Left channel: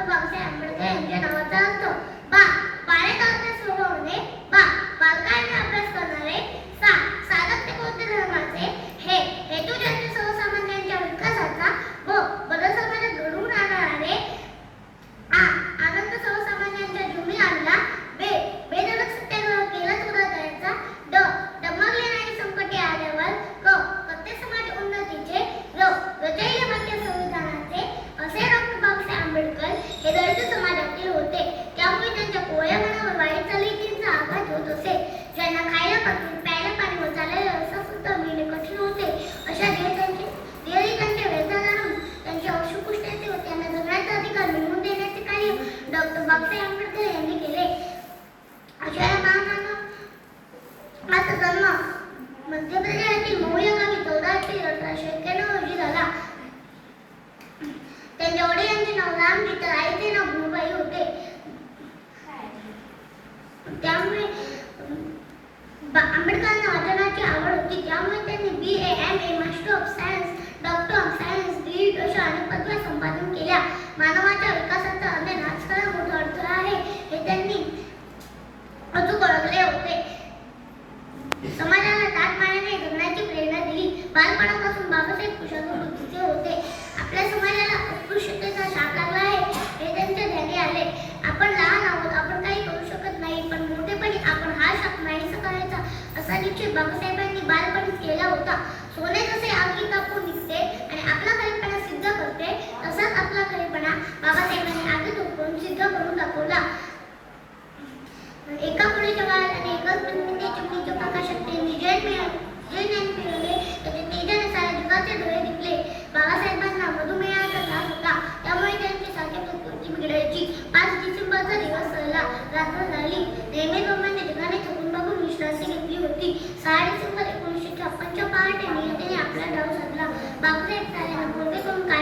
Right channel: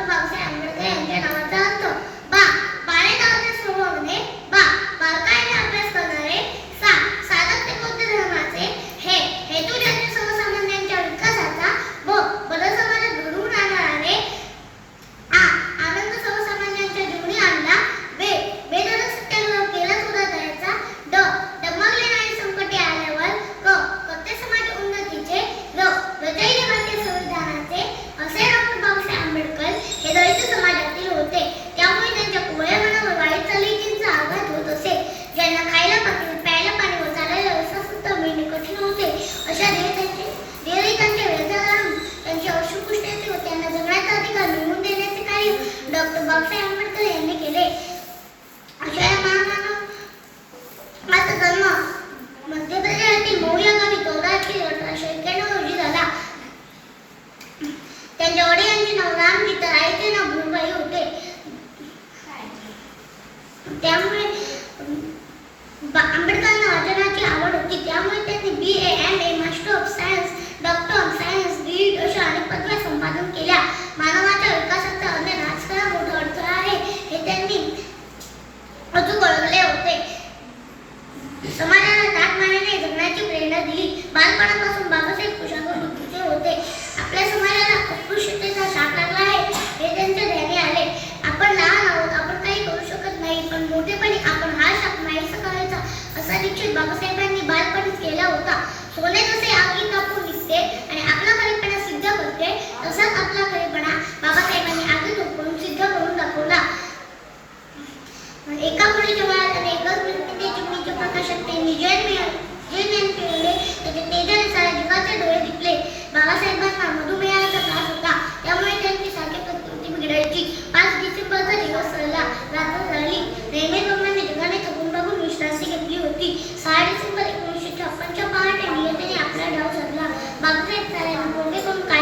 അപ്പം നമുക്ക് അമ്പലത്തിൽ എനിക്ക് നമുക്ക് बालपणापासून बाबासाहेब कुशागर होते.